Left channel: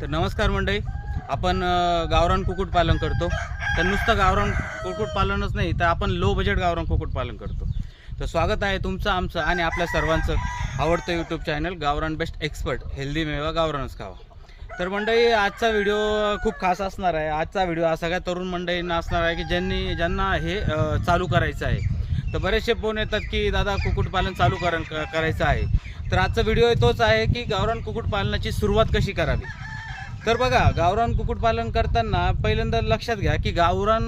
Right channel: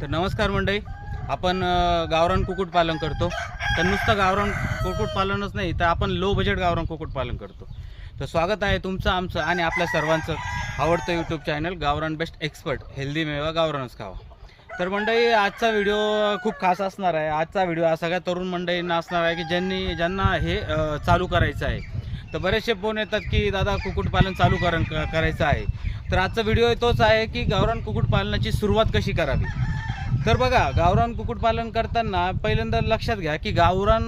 तर नमस्कार मंडळी. आपण गावरान कुक्कुटपालन करतो. तर नुसतं गावरान कुक्कुटपालनच नाही तर आपण लो बजेट गावरान कुक्कुटपालन करतो. तर स्वागत आहे तुमचं आमचं आणि आपल्या सर्वांचं आवडतं YouTube channel Gavran best expert healthy मेवा गावरानच खावा. तर मंडळी आजचा व्हिडिओ खूप खास असणार आहे. आजचा व्हिडिओ हा सगळ्या तरुण मंडळींना असणार आहे की ज्यांनी ज्यांना हे चालू करायचं आहे. तर बरेचसे फोन येतात की दादा कुक्कुटपालन चालू कर करायचं आहे. तर आजचा व्हिडिओ तोच आहे की गावरान कुक्कुटपालनाची सुरुवात कशी करावी? तर बघा गावरान कुक्कुटपालन करताना पहिल्यांदा लक्षात घ्या की गावरान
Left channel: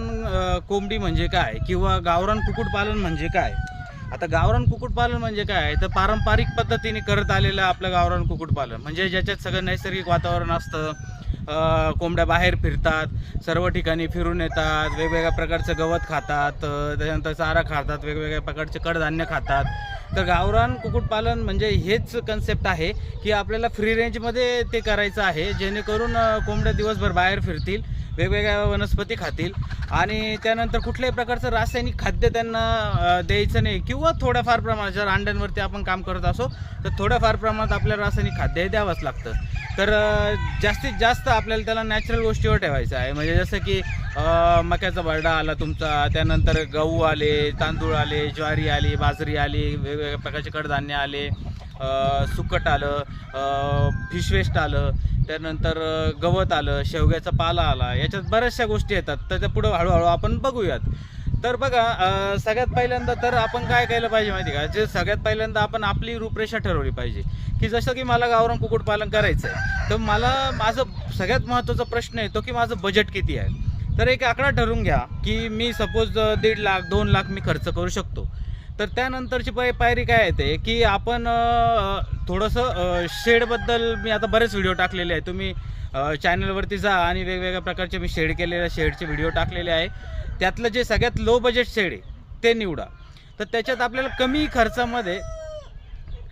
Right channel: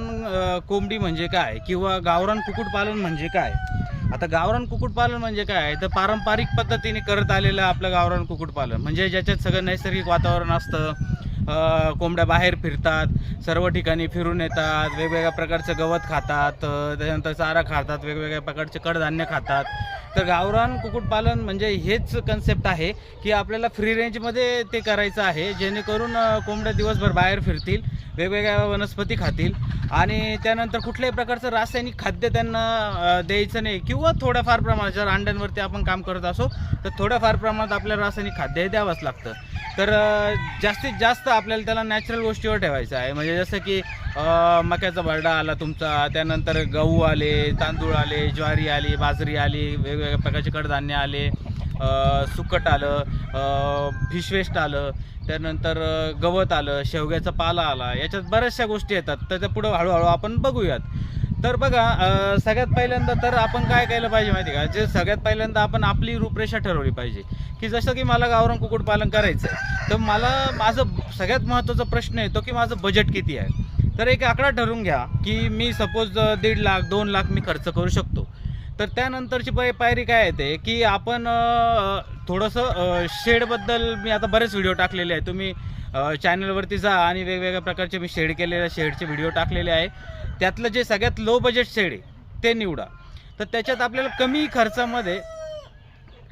कोंबडी म्हणजे काय किंवा गावरान कुक्कुटपालन म्हणजे काय? आता गावरान कुक्कुटपालन म्हणजे काय? तर पारंपरिक पद्धतीने करत आलेलं आपलं गावरान कुक्कुटपालन. म्हणजे ज्याच्यात सगळं नैसर्गिक वातावरण असतं. कोंबड्या बाहेर फिरतात सर्व ठिकाणी फिरून येतात वेगवेगळ्या प्रकारचं गवत खातात त्याच्यानंतर चारा खातात वेगवेगळ्या प्रकारचे कडधान्य खातात. तर गावरान कुक्कुटपालन म्हणजे हेच कन्सेप्ट आहे की आपल्याला फ्री रेंजमध्ये ते करायचं आहे जेणेकरून कोंबड्या दिवसभर बाहेर फिरतील. वेगवेगळ्या वनस्पती खातील. आणि त्यानंतर कुठल्याही प्रकारचं रासायनिक खाद्य त्यांना द्यायचं नाही किंवा थोड्याफार प्रमाणात जर अंड्यांवरती आपण काम करत असो तर थोड्याफार प्रमाणात आपल्याला रासायनिक खाद्य हे द्यावंच लागतं. तर जास्तीत जास्त आपल्याला त्याला नॅचरल गोष्टीवर ठेवायचं आहे. म्हणजे जसं की मक्याचा बरडा आला तुमचा त्यानंतर गहू आले तांदूळ आले ज्वारी आली बाजरी आली वेगवेगळ्या प्रकारचे कडधान्य आले सुकट आलं फिशवेस्ट आलं त्यानंतर गवत आलं शेवग्याचा पाला आला याच्यात बऱ्याचशा गोष्टी येतात. त्याच्या पुढं हळूहळू आपण बघूयात. तर बघा सगळ्यात पहिल्यांदा तर आपण काय केलं पाहिजे माहिती का? जे सगळ्यात पहिल्यांदा आपण आपली रूपरेषा ठरवली पाहिजे. की जसं की मला गावरान कुक्कुटपालन करायचं आहे तर मला माझं सगळ्यात महत्त्वाचा प्रश्न येतो की माझं बजेट किती आहे? तर एक आकडा ठरवून घ्या की मी सपोज दीड लाख दोन लाख मी खर्च करू शकतो. तर त्यानंतरची पाय पायरी काय येते की आपण थोडंसं शेडबद्दल मी आता बरेच व्हिडिओ टाकलेले आहे तुम्ही चॅनलवरती जा आणि वेगवेगळ्या प्रकारचे मी शेड केलेले शेडचे व्हिडिओ टाकलेले आहे. त्यातलं जे सगळ्यात लो बजेट शेड आहे ते निवडा. तर त्याच्यात आपल्याला कमी खर्चामध्ये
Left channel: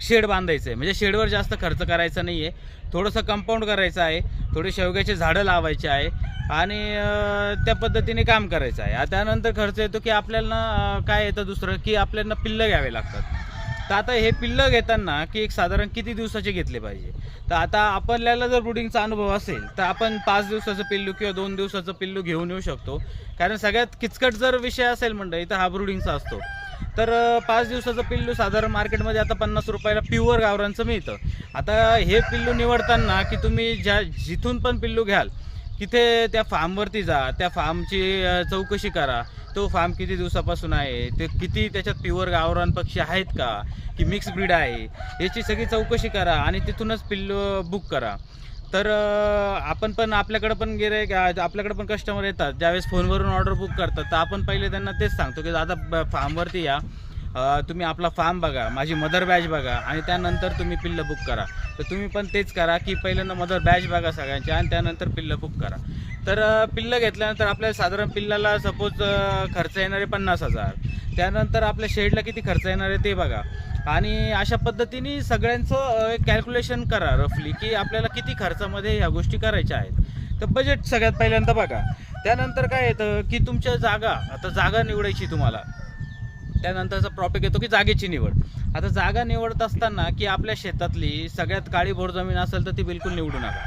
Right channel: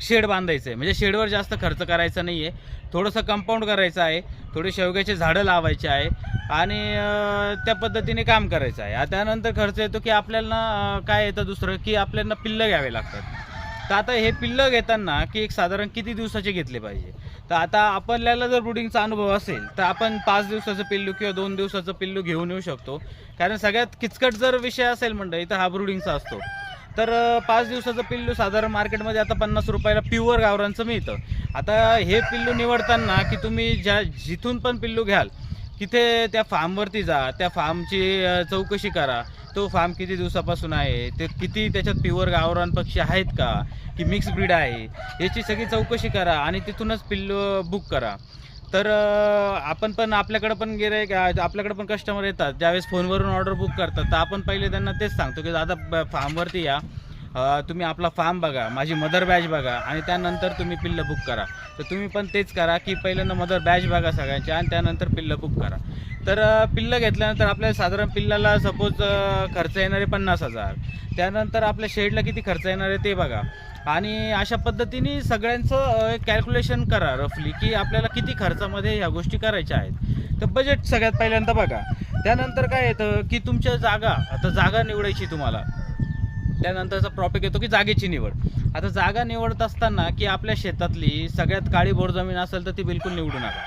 शेड बांधायचं आहे. म्हणजे शेडवर जास्त खर्च करायचा नाही आहे थोडंसं कंपाऊंड करायचं आहे. थोडे शेवग्याचे झाडं लावायचे आहे. आणि त्या पद्धतीने काम करायचं आहे. त्यानंतर खर्च येतो की आपल्याला काय येतं दुसरं? की आपल्याला पिल्लं घ्यावे लागतात. तर आता हे पिल्लं घेताना की एक साधारण किती दिवसाचे घेतले पाहिजे? तर आता आपल्याला जर ब्रुडिंगचा अनुभव असेल तर आपण पाच दिवसाचं पिल्लू किंवा दोन दिवसाचं पिल्लू घेऊन येऊ शकतो. कारण सगळ्यात किचकट जर विषय असेल मंडळी तर हा ब्रुडिंगचा असतो. तर पाच दिवसाचं पिल्लू साधारण मार्केटमध्ये आता पन्नास रुपयाला प्युअर गावरांचं मिळतं. आता हे पिल्लू निवडताना की तुम्ही ज्या जिथून पण पिल्लू घ्याल तिथे त्या फार्मवरती जा त्या फार्मची चौकशी करा. तो फार्म किती दिवसापासून आहे? ते किती त्याच्यात प्युअर गावरान पक्षी आहेत का? की मिक्स ब्रीड आहे? याची सगळी चौकशी करा आणि तिथूनच पिल्लू बुक करा. तर आपण पण आपल्याकडं पण गेले आपल्याकडे पण कस्टमर येतात. ज्यावेळेस फोनवरून ऑर्डर बुक करतात तर आपण पहिले त्यांना तेच सांगतो की दादा फार्मवरती या. तुम्ही आपला फार्म बघा माझी मदर बॅच बघा आणि त्यानंतर तुम्ही पिल्लं बुक करा. तर तुम्ही पण तेच करा की पहिल्यांदा मदर बॅच बघा सगळ्यांची आणि त्यानंतर पिल्लं बुक करा. तर पिल्लं घेतल्यानंतर आपल्याला साधारण पिल्लाला सपोज खर्च येणारे पन्नास हजार. त्यानंतर आपल्या शेडला किती खर्च येणार आहे ते बघा. आणि अशा पद्धतीने सगळ्यांचं कॅल्क्युलेशन करा रफली की आपल्याला किती खर्चामध्ये ह्या गोष्टी करायच्या आहेत. तर बजेट सगळ्यात पहिल्यांदा बघा. त्यानंतर काय येतं की तुमच्या जागा आता जागा निवडायची तुम्हाला. त्यानंतरचा प्रॉफिट येतो की जागेची निवड. आता जागा निवडत असताना की आपल्या शेतातली सगळ्यात काळी बोर जमीन असेल तर ती बिलकुल निवडू नका.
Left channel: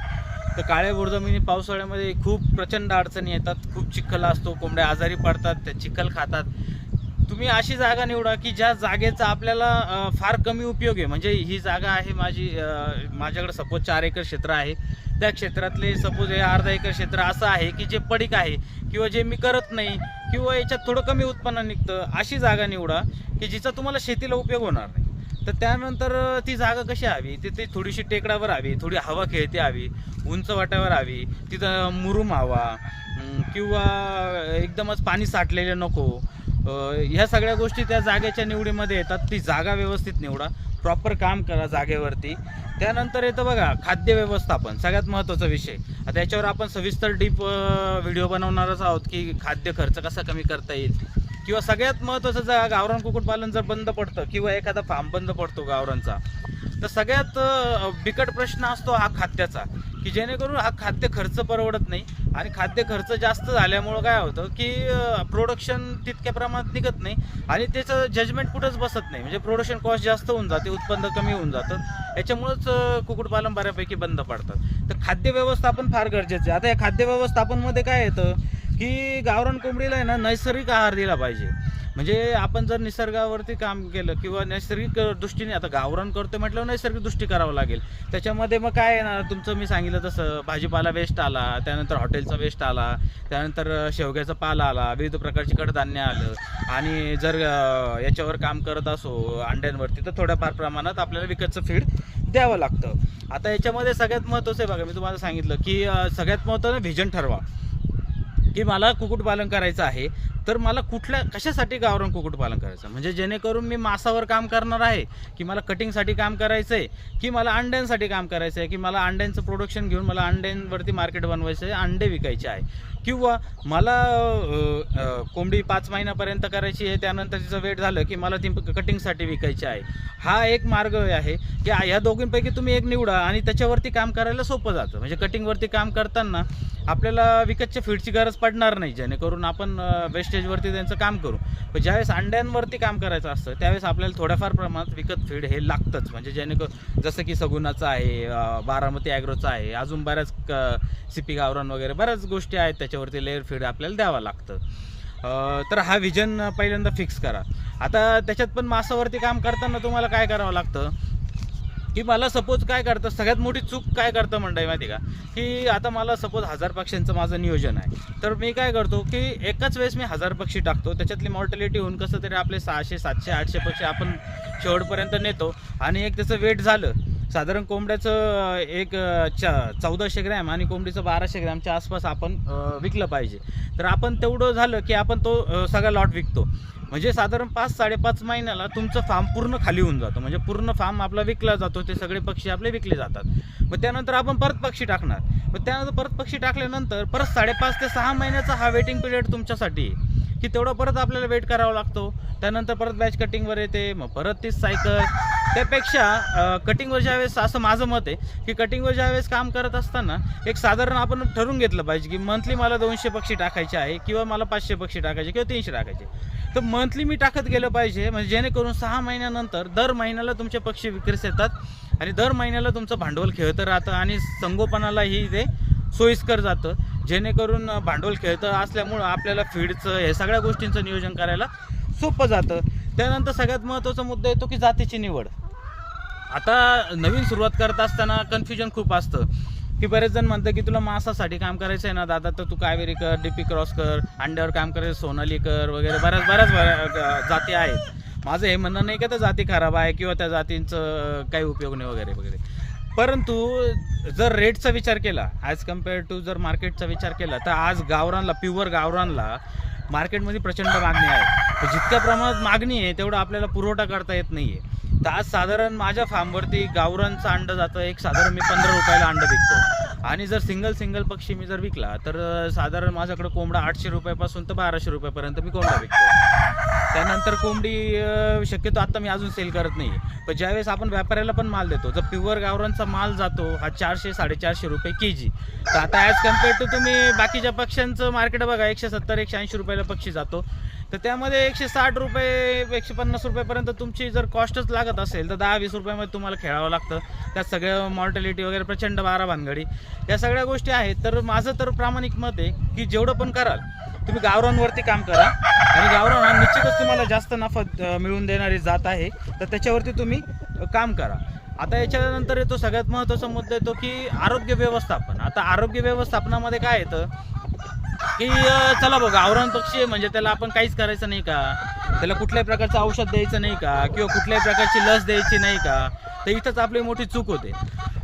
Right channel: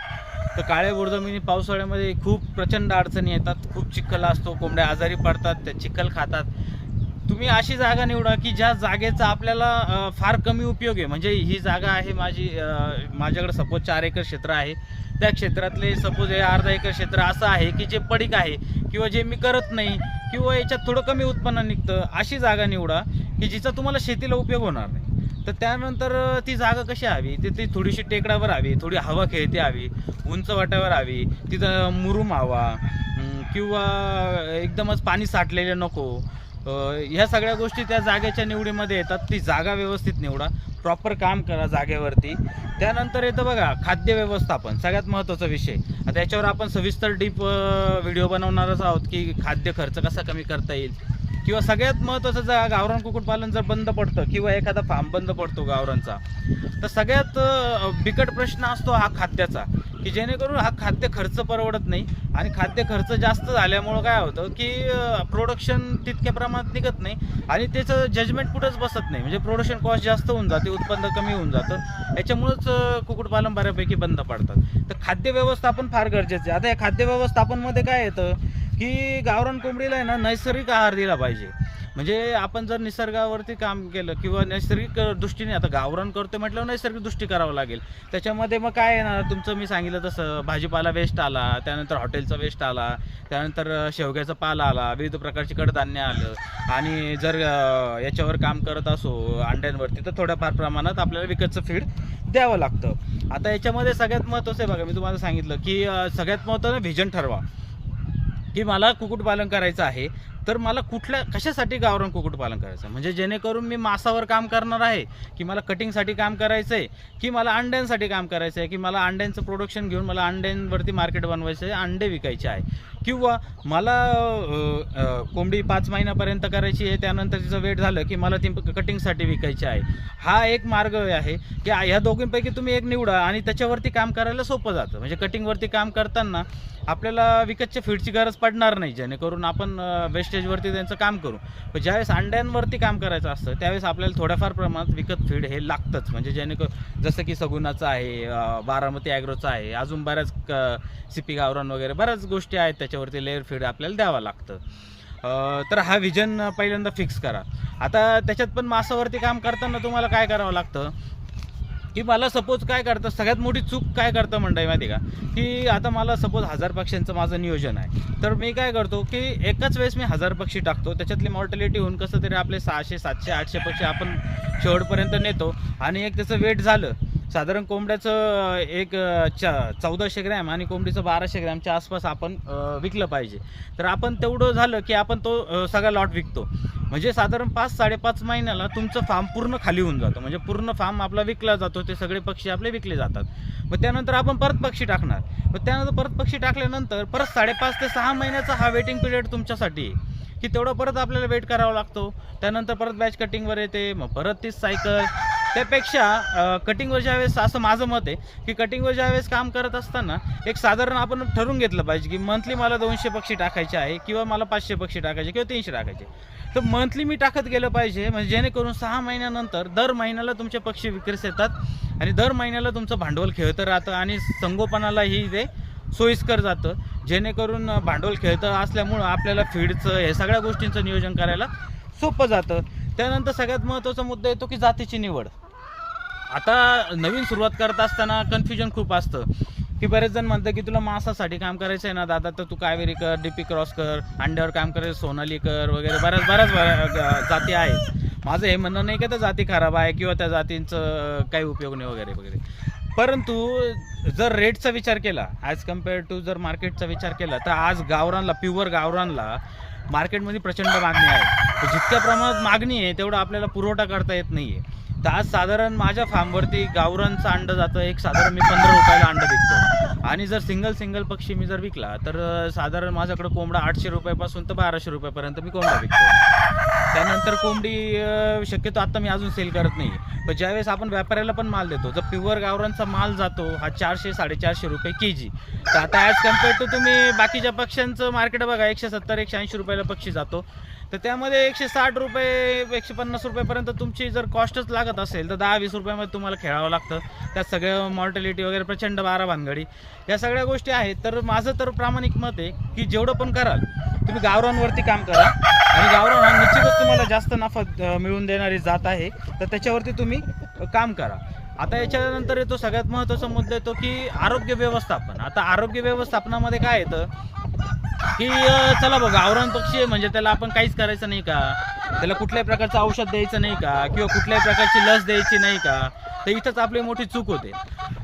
तर काळ्या बोर जमिनी पावसाळ्यामध्ये खूप प्रचंड अडचणी येतात. खूप चिखल असतो कोंबड्या आजारी पडतात त्या चिखल खातात. तुम्ही अशी जागा निवडा की ज्या जागेचा आपल्याला फार कमी उपयोग आहे. म्हणजे ही जागा आहे माझी माझ्याकडे सपोज चार एकर क्षेत्र आहे. त्या क्षेत्रातले सपोज हे अर्धा एकर क्षेत्र असं आहे की जे पडीक आहे किंवा जे मी करत नाही किंवा याच्यात थोडं कमी उत्पन्न निघतं अशी जागा निवडा की जिचा तुम्हाला शेतीला उपयोग होणार नाही. तर त्यानंतर ती जागा कशी हवी? ती ती थोडीशी टेकडावर हवी थोडी हवा खेळती हवी उंच वाट्यावर हवी तिथं मुरुम हवा किंवा एकदमच पाणी साठलेले नको ह्या सगळ्या गोष्टी त्या जागेच्या निवडीमध्ये येतात. ती जागा व्यवस्थित निवडा. प्रॉपर काम करा जागेवरती. त्यानंतर येतं बघा खाद्य व्यवस्थापन. सगळ्यात महत्त्वाचा विषय. आता याच्यावर आपण सविस्तर डीप व्हिडिओ बनवणारच आहोत की खाद्य खर्च कसा कमी करता येईल. किंवा सगळ्यात महत्त्वाचं जर गावरान कुक्कुटपालन जर बंद पडतं किंवा एखादा फार्म बंद पडतो गावरांचा तर सगळ्यात बिकट प्रश्न असतो हा खाद्याचा. की जेणेकरून हा खाद्य खर्च परवडत नाही आणि खाद्य खर्च जास्त झाल्यामुळं काय होतं की प्रोडक्शन तितक्या प्रमाणात निघत नाही आणि त्याचं जजमेंट कुठंच बसत नाही. म्हणजे प्रोडक्शन कॉस्ट जास्त होऊन जाते उत्पन्न कमी होऊन जातं. याच्यामुळंच कुक्कुटपालन बऱ्यापैकी बंद पडतात. तर खाद्य व्यवस्थापन फार गरजेचं आहे. आता या खाद्य व्यवस्थापनमध्ये काय येतं की गावरान कोंबडीला आहे ना नैसर्गिक आहार दिला पाहिजे. म्हणजे आपण जर निसर्गावरती काम केलं किंवा नैसर्गिक दृष्टीने आता गावरान करतो म्हटल्यावर नैसर्गिक दृष्टी करावं लागेल. त्याच्यामध्ये मग काय येणार तुमचं मी सांगितलं तसं भाजीपाला वेस्ट आला त्यानंतर हॉटेलचा वेस्ट आला त्यानंतर शेवग्याचा पाला आला विविध प्रकारची कडधान्य आलं आणि जर याच्यावर काम करत असो अंड्यांवरती तर थोड्याफार प्रमाणात आपल्याला विकतचं फीड द्यावं लागतं. आता याच्यामध्ये सगळ्यात महत्त्वाचं आहे बघा मी तुम्हाला सांगितलं की सगळ्यात महत्त्वाचं व्हिजन ठरवा. की मला कुक्कुटपालन करायचं आहे तर मला कुठल्या कशासाठी गावरान कुक्कुटपालन करायचं? म्हणजे जेणेकरून मी मासावर काम करणार आहे की मला कटिंगसाठी काम करायचं आहे की मला अंड्यांसाठी काम करायचं आहे की मला अंड्यांचं प्रोडक्शन घेऊन मला अंड्यांवरती मार्केट बनवायचं आहे अंडे विकायचे आहे. किंवा मला कोंबडी पाच महिन्यापर्यंत करायची आहे त्यानंतर तिचं वेट झालं की मला ती कटिंगसाठी विकायची आहे. हा एक मार्ग आहे की ह्या दोघींपैकी तुम्ही एक निवडा आणि त्याच्यावरती काम करायला सोपं जातं. म्हणजे कटिंगवरती काम करताना आपल्याला विकतच्या फीडची गरज पडणार नाही जेणेकरून आपण वेस्टेजवरती त्यांचं काम करू. पण ज्यावेळेस अंड्यांवरती काम करायचं असतं त्यावेळेस आपल्याला थोड्याफार प्रमाणात विकत फीड हे लागतंच. म्हणजे जेणेकरून जसं की सगुनाचं आहे बारामती ॲग्रोचं आहे अजून बऱ्याच क सिपी गावरान वगैरे बऱ्याच गोष्टी आहेत त्याच्यावरती लेअर फीड आपल्याला द्यावं लागतं. तर हा विजन पहिल्यांदा फिक्स करा. आता त्याच्यात पण मासावरती काम करताना तुम्हाला काय करावं लागतं? की मला सपोज काय करतं? सगळ्यात मोठी चूक काय करतं म्हणताय माहिती आहे का? की आता मला सपोज हजार पक्ष्यांचं माझं नियोजन आहे. तर मी काय करतो की एकाच वेळेस मी हजार पक्षी टाकतो. त्याच्यातली मॉर्टॅलिटी होऊन कसं तरी आपले सहाशे सातशे आठशे पक्षी आपण शेवटपर्यंत नेतो आणि एक त्याचं वेट झालं साधारण कोंबड्याचं एक चौदाशे ग्रॅम आणि कोंबडीचं बाराशे ग्रॅमच्या आसपास आपण विकलं पाहिजे. तर आपण तेवढं झालं की आपण तो सगळा लॉट विकतो. म्हणजे साधारण पाच साडेपाच महिन्याला तुमचं फार्म पूर्ण खाली होऊन जातं. म्हणजे पूर्ण फार्म आपला विकला जातो ते सगळे पक्षी आपले विकले जातात. मग त्यानंतर आपण परत पक्षी टाकणार. मग त्यानंतर परत पक्षी टाकल्यानंतर परत साडेपाच ते सहा महिन्याचा हा वेटिंग पिरियड तुमच्यासाठी आहे. की तेवढं परत आपल्याला वेट करावा लागतो. त्यानंतर परत बॅच कटिंगवर येते. मग परत तीच सायकल त्यापेक्षा कटिंगवर ज्यावेळेस असं माझं मत आहे की कटिंगवर ज्यावेळेस काम करत असताना एक साधारण आपण ठरवून घेतलं पाहिजे की मंथली मला दोनशे पक्षी टाकायचे आहे किंवा मला पाचशे पक्षी टाकायचे किंवा तीनशे टाकायचे. तर मंथली मी टाकत गेलं पाहिजे म्हणजे जेणेकरून सहा महिन्यानंतर दर महिन्याला तुमचे पक्षी विक्रीस येतात आणि दर महिन्याला तुमचं भांडवल खेळतं राहतं आणि संगोपनालाही ते सोयीस्कर जातं. जेणेकरून भांडवल खेळतं असल्यामुळं आपल्याला फीडचं हे सगळ्या गोष्टींचं नियोजन करायला सोपं जातं. त्यानंतर सगळ्यात महत्त्वाचा मुद्दा येतो की जातीची निवड. आता नवीन सुरुवात करत असताना कन्फ्युजन खूप असतं. की बरेच जण म्हणतात की तुला मांसासाठी काम करायचं आहे ना दादा तर तू कावेरी कर डीपी क्रॉस कर अंड्यावर काम करायचं सोनाली कर वगैरे. बऱ्याच बऱ्याच जाती आहेत. माझं हे म्हणणं नाही का त्या जाती खराब आहे किंवा त्या जातींचं काही उपयोग नाही वगैरे वगैरे. परंतु जर रेटचा विचार केला ॲज कंपेअर टू जर मार्केटचा विचार केला तर आज गावरानला प्युअर गावरानला मार्केटमध्ये प्रचंड मागणी आहे. जितक्या प्रमाणात मागणी आहे तेवढा आपल्याला पुरवठा करता येत नाही आहे तर आज साधारण माझ्या फार्मवरती गावरांचं अंडं जातं एक साधारण मी पंधरा रुपयाला अंडं विकतो. आणि जर सिंगल सिंगल पक्षी मी जर विकला तर साधारण माझ्याकडं कोंबडा आठशे रुपयापासून तर बाराशे रुपयापर्यंत मी कोंबडा विकतो. त्यानंतर कोंबडी शक्यतो आत्ता मी अजून सेल करत नाही. पण ज्यावेळेस आपण व्यापाऱ्याला पण माल देतो जर प्युअर गावरांचा माल जातो हा चारशे साडेचारशे रुपये के जी तर आता ॲज कंपेअर टू तुम्ही बाकीच्या पक्ष्यांचं मार्केट बघा एकशे सत्तर एकशे ऐंशी रुपयाला पक्षी जातो. तर त्यामध्ये एकशे साठ रुपये एकशे पन्नास रुपयापर्यंत तुमची जर कॉस्टच लागत असेल तर दहा वीस रुपयामध्ये तुम्हाला खेळावं लागतं. त्यात सगळं मॉर्टॅलिटी वगैरे प्रचंड बारा भानगडी. या सगळ्या गोष्टी आहेत. तर माझं तर प्रामाणिक मत आहे की जेवढं पण कराल तुम्ही गावरांवरती काम करा. आणि गावरान हा निश्चितच तुम्हाला जास्त नफा मिळवून देणारी जात आहे. तर त्याच्यावरती तुम्ही काम करा. आता याच्यानंतर येतो सगळ्यात महत्त्वाचा मुद्दा येतो की आरोग्य व्यवस्थापन. आता आरोग्य व्यवस्थापनामध्ये काय येतं? की चला बघा आवरण पक्षी आहे म्हणजे त्याला आपण काहीच करायचं नाही का? त्याला कुठल्याही प्रकारचं औषध द्यायचं नाही का? किंवा कुठल्याही प्रकारची लस द्यायची नाही का? तर इथंच आपली मोठी चूक होते.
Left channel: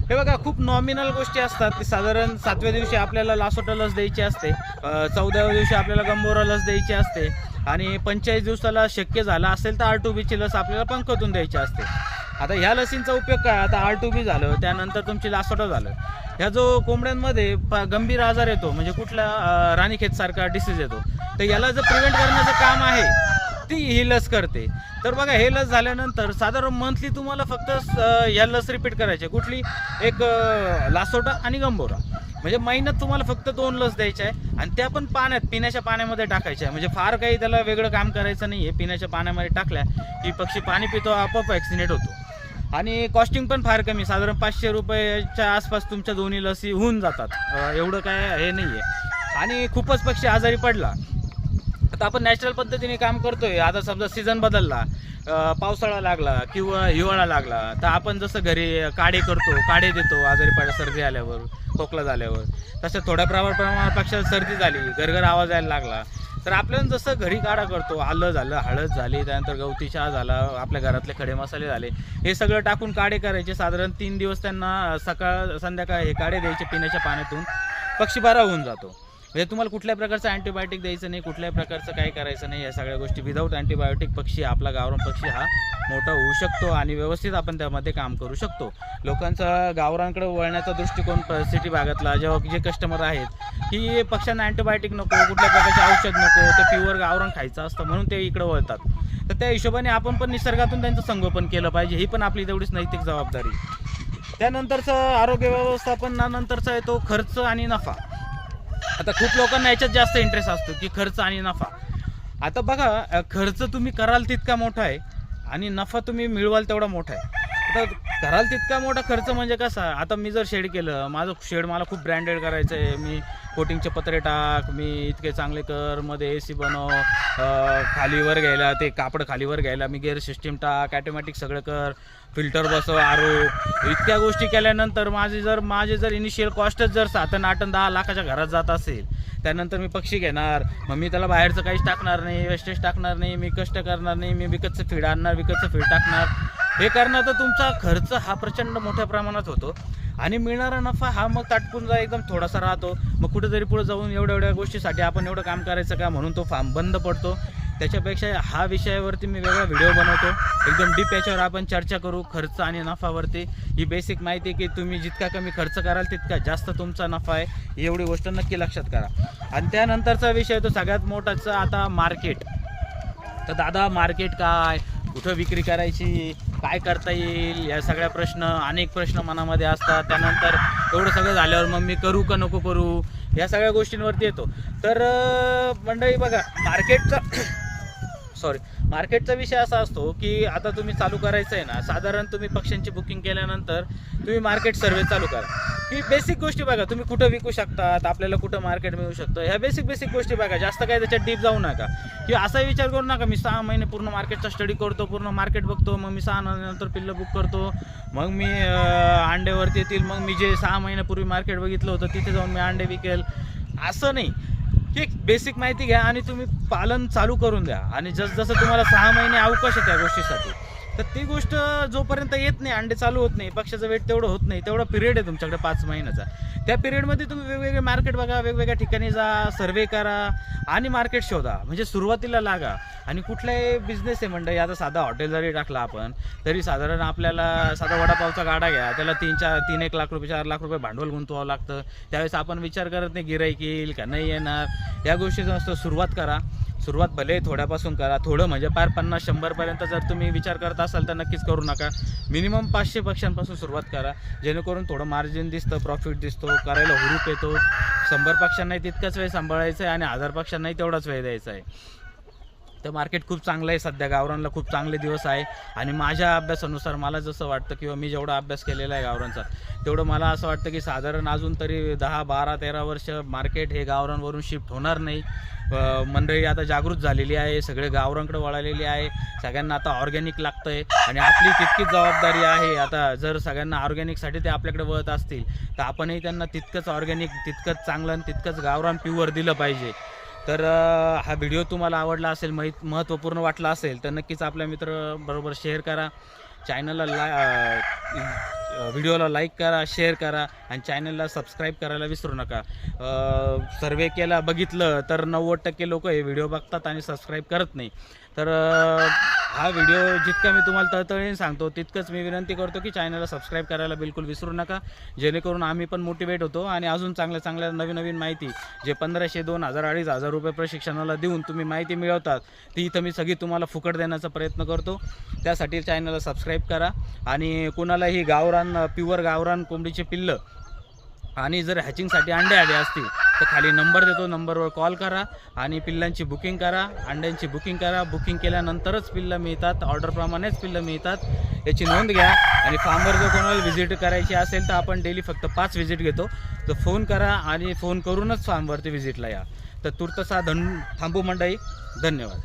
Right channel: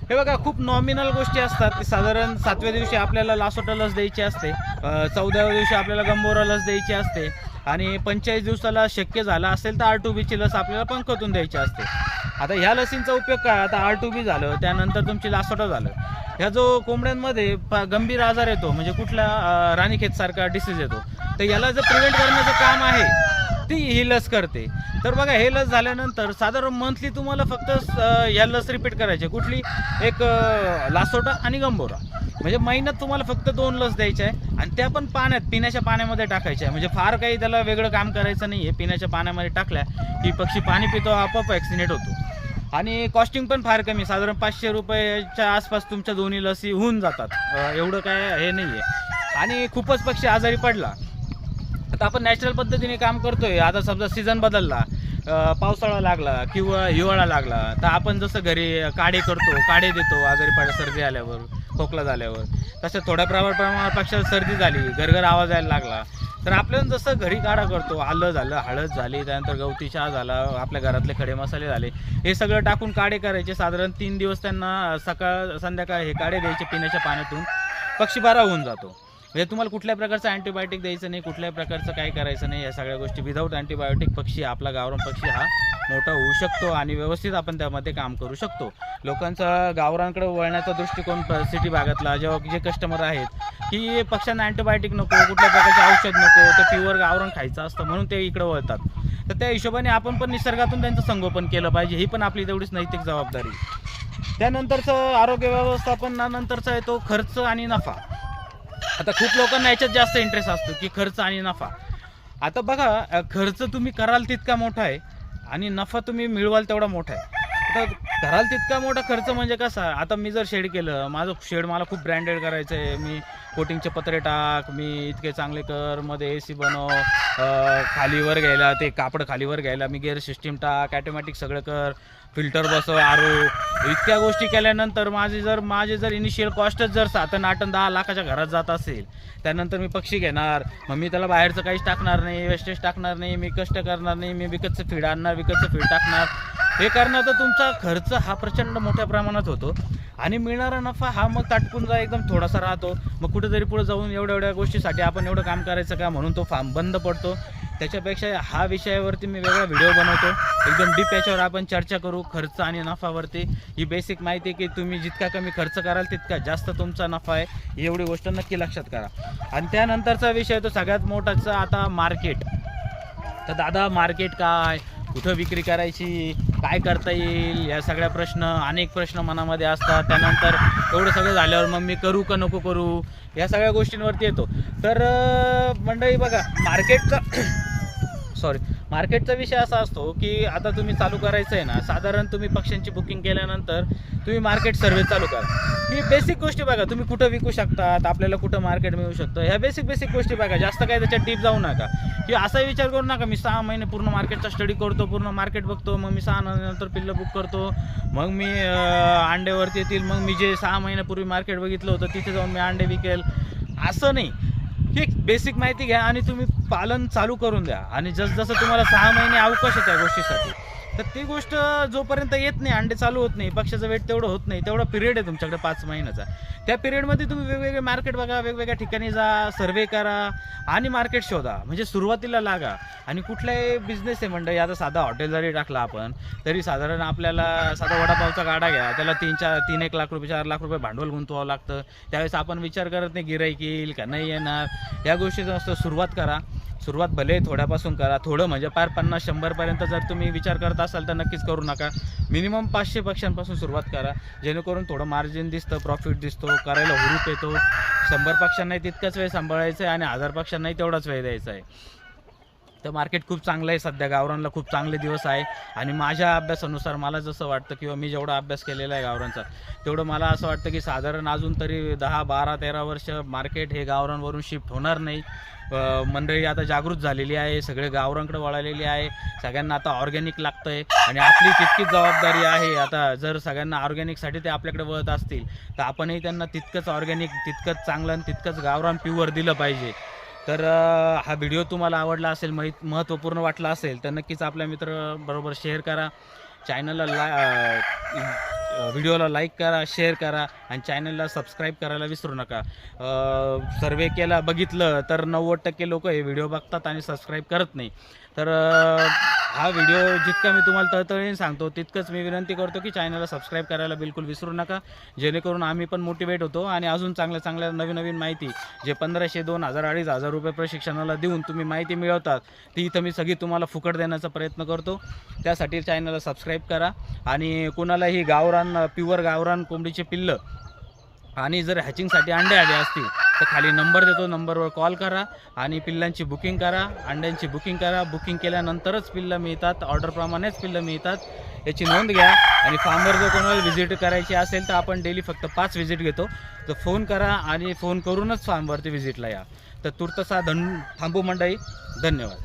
हे बघा खूप नॉमिनल गोष्टी असतात. की साधारण सातव्या दिवशी आपल्याला लासोटा लस द्यायची असते. चौदाव्या दिवशी आपल्याला गंबोरा लस द्यायची असते. आणि पंचेचाळीस दिवसाला शक्य झाला असेल तर आर टू बीची लस आपल्याला पंखतून द्यायची असते. आता ह्या लसींचा उपयोग काय? आता आर टू बी झालं त्यानंतर तुमची लासोटा झालं. ह्या जो कोंबड्यांमध्ये गंभीर आजार येतो म्हणजे कुठला राणीखेत सारखा डिसीज येतो तर याला जर प्रिव्हेंट करण्याचं काम आहे ती ही लस करते. तर बघा हे लस झाल्यानंतर साधारण मंथली तुम्हाला फक्त या लस रिपीट करायचे. कुठली? एक लासोटा आणि गंभोरा. म्हणजे महिन्यात तुम्हाला फक्त दोन लस द्यायच्या आहे आणि त्या पण पाण्यात पिण्याच्या पाण्यामध्ये टाकायच्या आहे. म्हणजे फार काही त्याला वेगळं काम करायचं नाही आहे पिण्याच्या पाण्यामध्ये टाकल्या की पक्षी पाणी पितो आपोआप ॲक्सिडेंट होतो. आणि कॉस्टिंग पण फार कमी. साधारण पाचशे रुपयाच्या आसपास तुमच्या दोन्ही लसी होऊन जातात. एवढं काय हे नाही आहे आणि खूपच पक्षी आजारी पडला. आता आपण नॅचरल पद्धतीने काम करतोय. आता समजा सीझन बदलला पावसाळा लागला किंवा हिवाळा लागला तर आपण जसं घरी काढे करतो काढे देतो आजारी पडला सर्दी आल्यावर खोकला झाल्यावर तसं थोड्या प्रमाण प्रमाणात पक्षाला सर्दी झाली घरघर आवाज यायला लागला तर आपल्याला जसं घरी काढा करतो आलं झालं हळद झाली त्यानंतर गवती चहा झाला आपल्या घरातले खडे मसाले झाले हे सगळं टाकून काढे करायचे. साधारण तीन दिवस त्यांना सकाळ संध्याकाळ हे काढे द्यायचे पिण्याच्या पाण्यातून. पक्षी बरा होऊन जातो. म्हणजे तुम्हाला कुठल्या प्रकारचं अँटीबायोटिक द्यायचं नाही कुठल्याही प्रकारचं काही करायचं नाही या सगळ्या गोष्टी विदाऊट अँटीबायोटिक पक्षी आपला गावरान पक्षी हा मोठा होऊ शकतो आणि व्यवस्थित आपण त्यामध्ये काम करू शकतो. लोकांचा गावरांकडे वळण्याचा दृष्टिकोन सिटी भागातला जेव्हा जे कस्टमर आहेत की पक्ष्यांना अँटीबायोटिक नको कुठल्या प्रकारचे औषध नको ते प्युअर गावरान खायचं असतं म्हणून ते इकडे वळतात. तर त्या हिशोबाने आपण पण निसर्गातून त्यांचं संगोपन केलं पाहिजे ही पण आपली तेवढीच नैतिक जबाबदारी. त्यानंतरचं आरोग्य व्यवस्थापनानंतरचा येतो खर्च आणि नफा. आता खूप लोकांना याच्यात जास्त इंटरेस्ट असतो की खर्च आणि नफा. आता बघा खर्च तुम्ही कराल तितका मोठा आहे आणि नफा तुम्ही मिळवाल तेवढा मोठा आहे. आता कराल तितका मोठा खर्च म्हणजे कसा? आता मी जर शेड केलं माझं शेड मला खूप ब्रँडेड करायचं आहे मी कोटिंगचे पत्रे टाक मी इतके चांगले कर मध्ये ए सी बनव खालीवर घ्यायला ते कापड खालीवर घ्यायला मी गेअर सिस्टीम टाक ॲटोमॅटिक सगळं कर फिल्टर बसव आरो. इतक्या गोष्टी केल्यानंतर माझे जर माझे जर इनिशियल कॉस्टच जर सात आठ दहा लाखाच्या घरात जात असेल त्यानंतर मी पक्षी घेणार. मग मी त्याला बाहेरचं काहीच टाकणार नाही वेस्टेज टाकणार नाही मी कष्ट करणार नाही मी विकतचं फीड आणणार विकतचं फीड टाकणार. हे करणं तर तुमचा खर्च हा प्रचंड मोठ्या प्रमाणात होतो. आणि मिळणारा नफा हा मग ताटपून जा एकदम थोडासा राहतो. मग कुठेतरी पुढे जाऊन एवढ्या एवढ्या गोष्टीसाठी आपण एवढं काम करायचं का म्हणून तो फार्म बंद पडतो. त्याच्यापेक्षा हा विषयावरती मी वेगळा व्हिडिओ बनवतो. एकदम डीप याच्यावर आपण चर्चा करू खर्च आणि नफावरती. ही बेसिक माहिती आहे की तुम्ही जितका कमी खर्च कराल तितका जास्त तुमचा नफा आहे. एवढी गोष्ट नक्की लक्षात करा. आणि त्यानंतरचा विषय तो सगळ्यात मोठाचा आता मार्केट तर दादा मार्केट काय? कुठं विक्री करायची काय करता येईल या सगळ्या प्रश्न अनेक प्रश्न मनामध्ये असतात. त्यानंतर एवढं सगळं झाल्यावर मग मी करू का नको करू या सगळ्या गोष्टींवरती येतो. तर मंडळी बघा मार्केटचा सॉरी मार्केटचा विषय असा असतो की आता तुम्ही चालू करायचं आहे ना साधारण तुम्ही पक्ष्यांची बुकिंग केल्यानंतर तुम्ही मार्केट सर्वे चालू करा. ही बेसिक गोष्टी बघा तुम्ही कुठं विकू शकतात आपल्याला कुठं मार्केट मिळू शकतं ह्या बेसिक बेसिक गोष्टी बघा जास्त काय त्याच्यात डीप जाऊ नका. की असा विचार करू नका मी सहा महिने पूर्ण मार्केटचा स्टडी करतो पूर्ण मार्केट बघतो मग मी सहा नंतर पिल्लं बुक करतो मग मी अं, अंड्यावरती येतील मग मी जे सहा महिन्यापूर्वी मार्केट बघितलं होतं तिथे जाऊन मी अंडे विकेल. असं नाही. की बेसिक माहिती घ्या आणि तुम्ही पालन चालू करून द्या. आणि जसजसं तुम्हाला सहा महिने अवकाश आहे त्या गोष्टीसाठी तर ती गोष्ट जोपर्यंत येत नाही अंडे चालू होत नाही पक्षाचं वेट तेवढं होत नाही तेवढा पिरियड आहे तुमच्याकडे पाच महिन्याचा. त्या पिरियडमध्ये तुम्ही वेगवेगळे मार्केट बघा वेगवेगळ्या ठिकाणी जा सर्वे करा आणि मार्केट शोधा. म्हणजे सुरुवातीला लागा. आणि कुठलाही बिझनेस आहे मंडळी आता साधा हॉटेल जरी टाकला आपण तरी साधारण आपल्याला साधा वडापावचा गाडा घ्या. त्याला तीन चार तीन एक लाख रुपये चार लाख रुपये भांडवल गुंतवावं लागतं. त्यावेळेस आपण विचार करत नाही गिराईक येईल का नाही येणार. या गोष्टीचं असतं सुरुवात करा. सुरुवात भले थोड्यापासून करा. थोडं म्हणजे पार पन्नास शंभरपर्यंत जर तुम्ही विचार करत असाल तर नक्कीच करू नका. मिनिमम पाचशे पक्षांपासून सुरुवात करा. जेणेकरून थोडं मार्जिन दिसतं प्रॉफिट दिसतो करायला हुरूप येतो. शंभर पक्षांनाही तितकाच वेळ सांभाळायचा आहे आणि हजार पक्षांनाही तेवढाच वेळ द्यायचा आहे. तर मार्केट खूप चांगलं आहे सध्या. गावरानला खूप चांगले दिवस आहे. आणि माझ्या अभ्यासानुसार मला जसं वाटतं किंवा मी जेवढा अभ्यास केलेला आहे गावरांचा तेवढं मला असं वाटतं की साधारण अजून तरी दहा बारा तेरा वर्ष मार्केट हे गावरांवरून शिफ्ट होणार नाही. मंडळी आता जागृत झालेली आहे सगळे गावरांकडे वळालेली आहे. सगळ्यांना आता ऑर्गॅनिक लागतं आहे आणि आपली तितकीच जबाबदारी आहे. आता जर सगळ्यांना ऑर्गॅनिकसाठी ते आपल्याकडे वळत असतील तर आपणही त्यांना तितकंच ऑर्गॅनिक तितकंच चांगलं आणि तितकंच गावरान प्युअर दिलं पाहिजे. तर हा व्हिडिओ तुम्हाला आवडला असेल माहीत महत्त्वपूर्ण वाटला असेल तर नक्कीच आपल्या मित्र बरोबर शेअर करा. चॅनलला ला व्हिडिओला लाईक करा शेअर करा आणि चॅनलला सबस्क्राईब करायला विसरू नका. सर्वे केला बघितलं तर नव्वद टक्के लोक हे व्हिडिओ बघतात आणि सबस्क्राईब करत नाही. तर हा व्हिडिओ जितका मी तुम्हाला तळतळीने सांगतो तितकंच मी विनंती करतो की चॅनलला सबस्क्राईब करायला बिलकुल विसरू नका. जेणेकरून आम्ही पण मोटिवेट होतो आणि अजून चांगल्या चांगल्या नवीन नवीन माहिती जे पंधराशे दोन हजार अडीच हजार रुपये प्रशिक्षणाला देऊन तुम्ही माहिती मिळवतात ती इथं मी सगळी तुम्हाला फुकट देण्याचा प्रयत्न करतो. त्यासाठी चॅनलला सबस्क्राईब करा आणि कोणालाही गावरान प्युअर गावरान कोंबडीचे पिल्लं आणि जर हॅचिंगसाठी अंडे आले असतील तर खाली नंबर देतो नंबरवर कॉल करा आणि पिल्लांची बुकिंग करा अंड्यांची बुकिंग करा. बुकिंग केल्यानंतरच पिल्लं मिळतात ऑर्डरप्रमाणेच पिल्लं मिळतात. याची नोंद घ्या आणि फार्मवर जर कोणाला व्हिजिट करायची असेल तर आपण डेली फक्त पाच व्हिजिट घेतो. तर फोन करा आणि फोन करूनच फार्मवरती व्हिजिटला या. तर तुर्तसा धन थांबू मंडई धन्यवाद.